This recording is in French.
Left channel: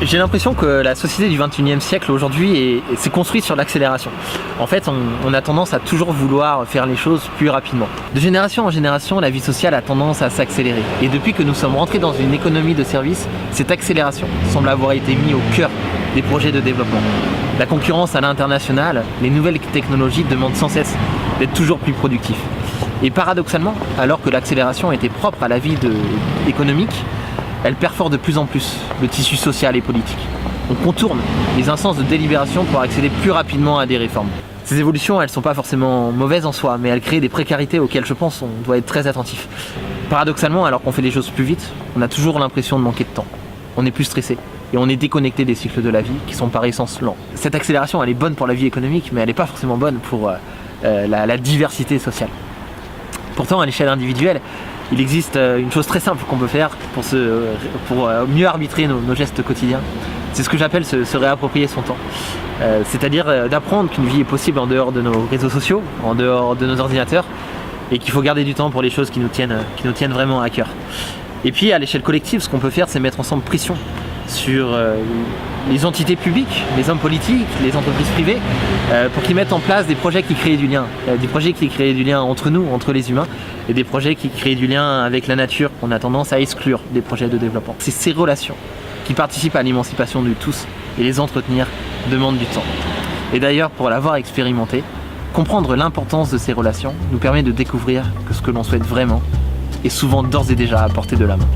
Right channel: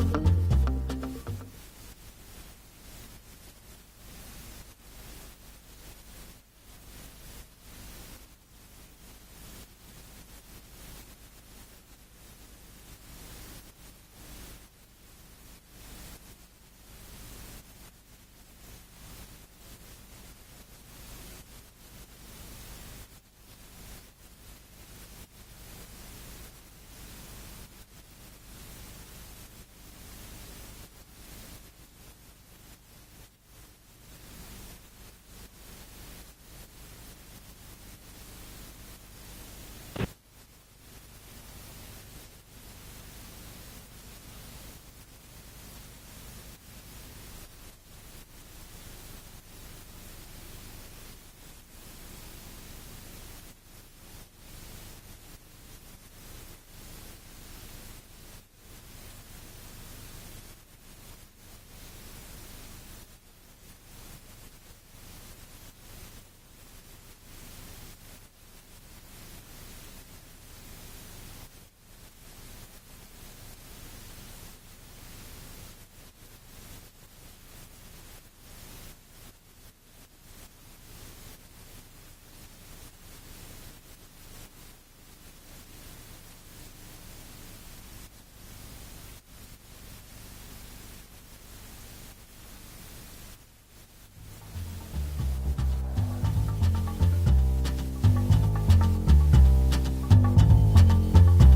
J'ai l'impression que la société du 21e siècle aujourd'hui s'est construite sur l'accélération. En fait, on a tendance à toujours vouloir faire les choses plus rapidement. De génération en génération, la vie sociale a tendance à s'accélérer. Et depuis que nous sommes rentrés dans une économie de services, cette accélération semble avoir été mise au cœur des projets de développement. La concurrence à l'international, les nouvelles technologies demandent sans cesse d'être toujours plus productifs. Et paradoxalement, alors que l'accélération était propre à la vie économique, elle perfore de plus en plus le tissu social et politique. On contourne les instances de délibération pour accéder plus rapidement à des réformes. Ces évolutions, elles ne sont pas forcément mauvaises en soi, mais elles créent des précarités auxquelles je pense on doit être très attentif. Paradoxalement, alors qu'on fait les choses plus vite, on a toujours l'impression de manquer de temps. On est plus stressé et on est déconnecté des cycles de la vie qui sont par essence lents. Cette accélération, elle est bonne pour la vie économique, mais elle n'est pas forcément bonne pour la diversité sociale. Pourtant, à l'échelle individuelle, il existe une chose très simple qu'on peut faire pour mieux arbitrer nos gestes quotidiens. C'est ce que j'appelle se réapproprier son temps. C'est-à-dire d'apprendre qu'une vie est possible en dehors de nos réseaux sociaux, en dehors de nos ordinateurs, et qu'il faut garder du temps pour les choses qui nous tiennent vraiment à cœur. Et puis à l'échelle collective, ce qu'on peut faire, c'est mettre ensemble pression sur les entités publiques, les hommes politiques, les entreprises privées, pour qu'ils mettent en place des projets qui créent du lien. Des projets qui créent du lien entre nous, entre les humains, et des projets qui créent du lien avec la nature qu'on a tendance à exclure des projets de développement. C'est ces relations qui participent à l'émancipation de tous, et les entretenir demandent du temps. Et d'ailleurs, pour l'avoir expérimenté, comprendre l'importance de ces relations nous permet de découvrir que ce que l'on souhaite vraiment est souvent d'ores et déjà à portée de la main.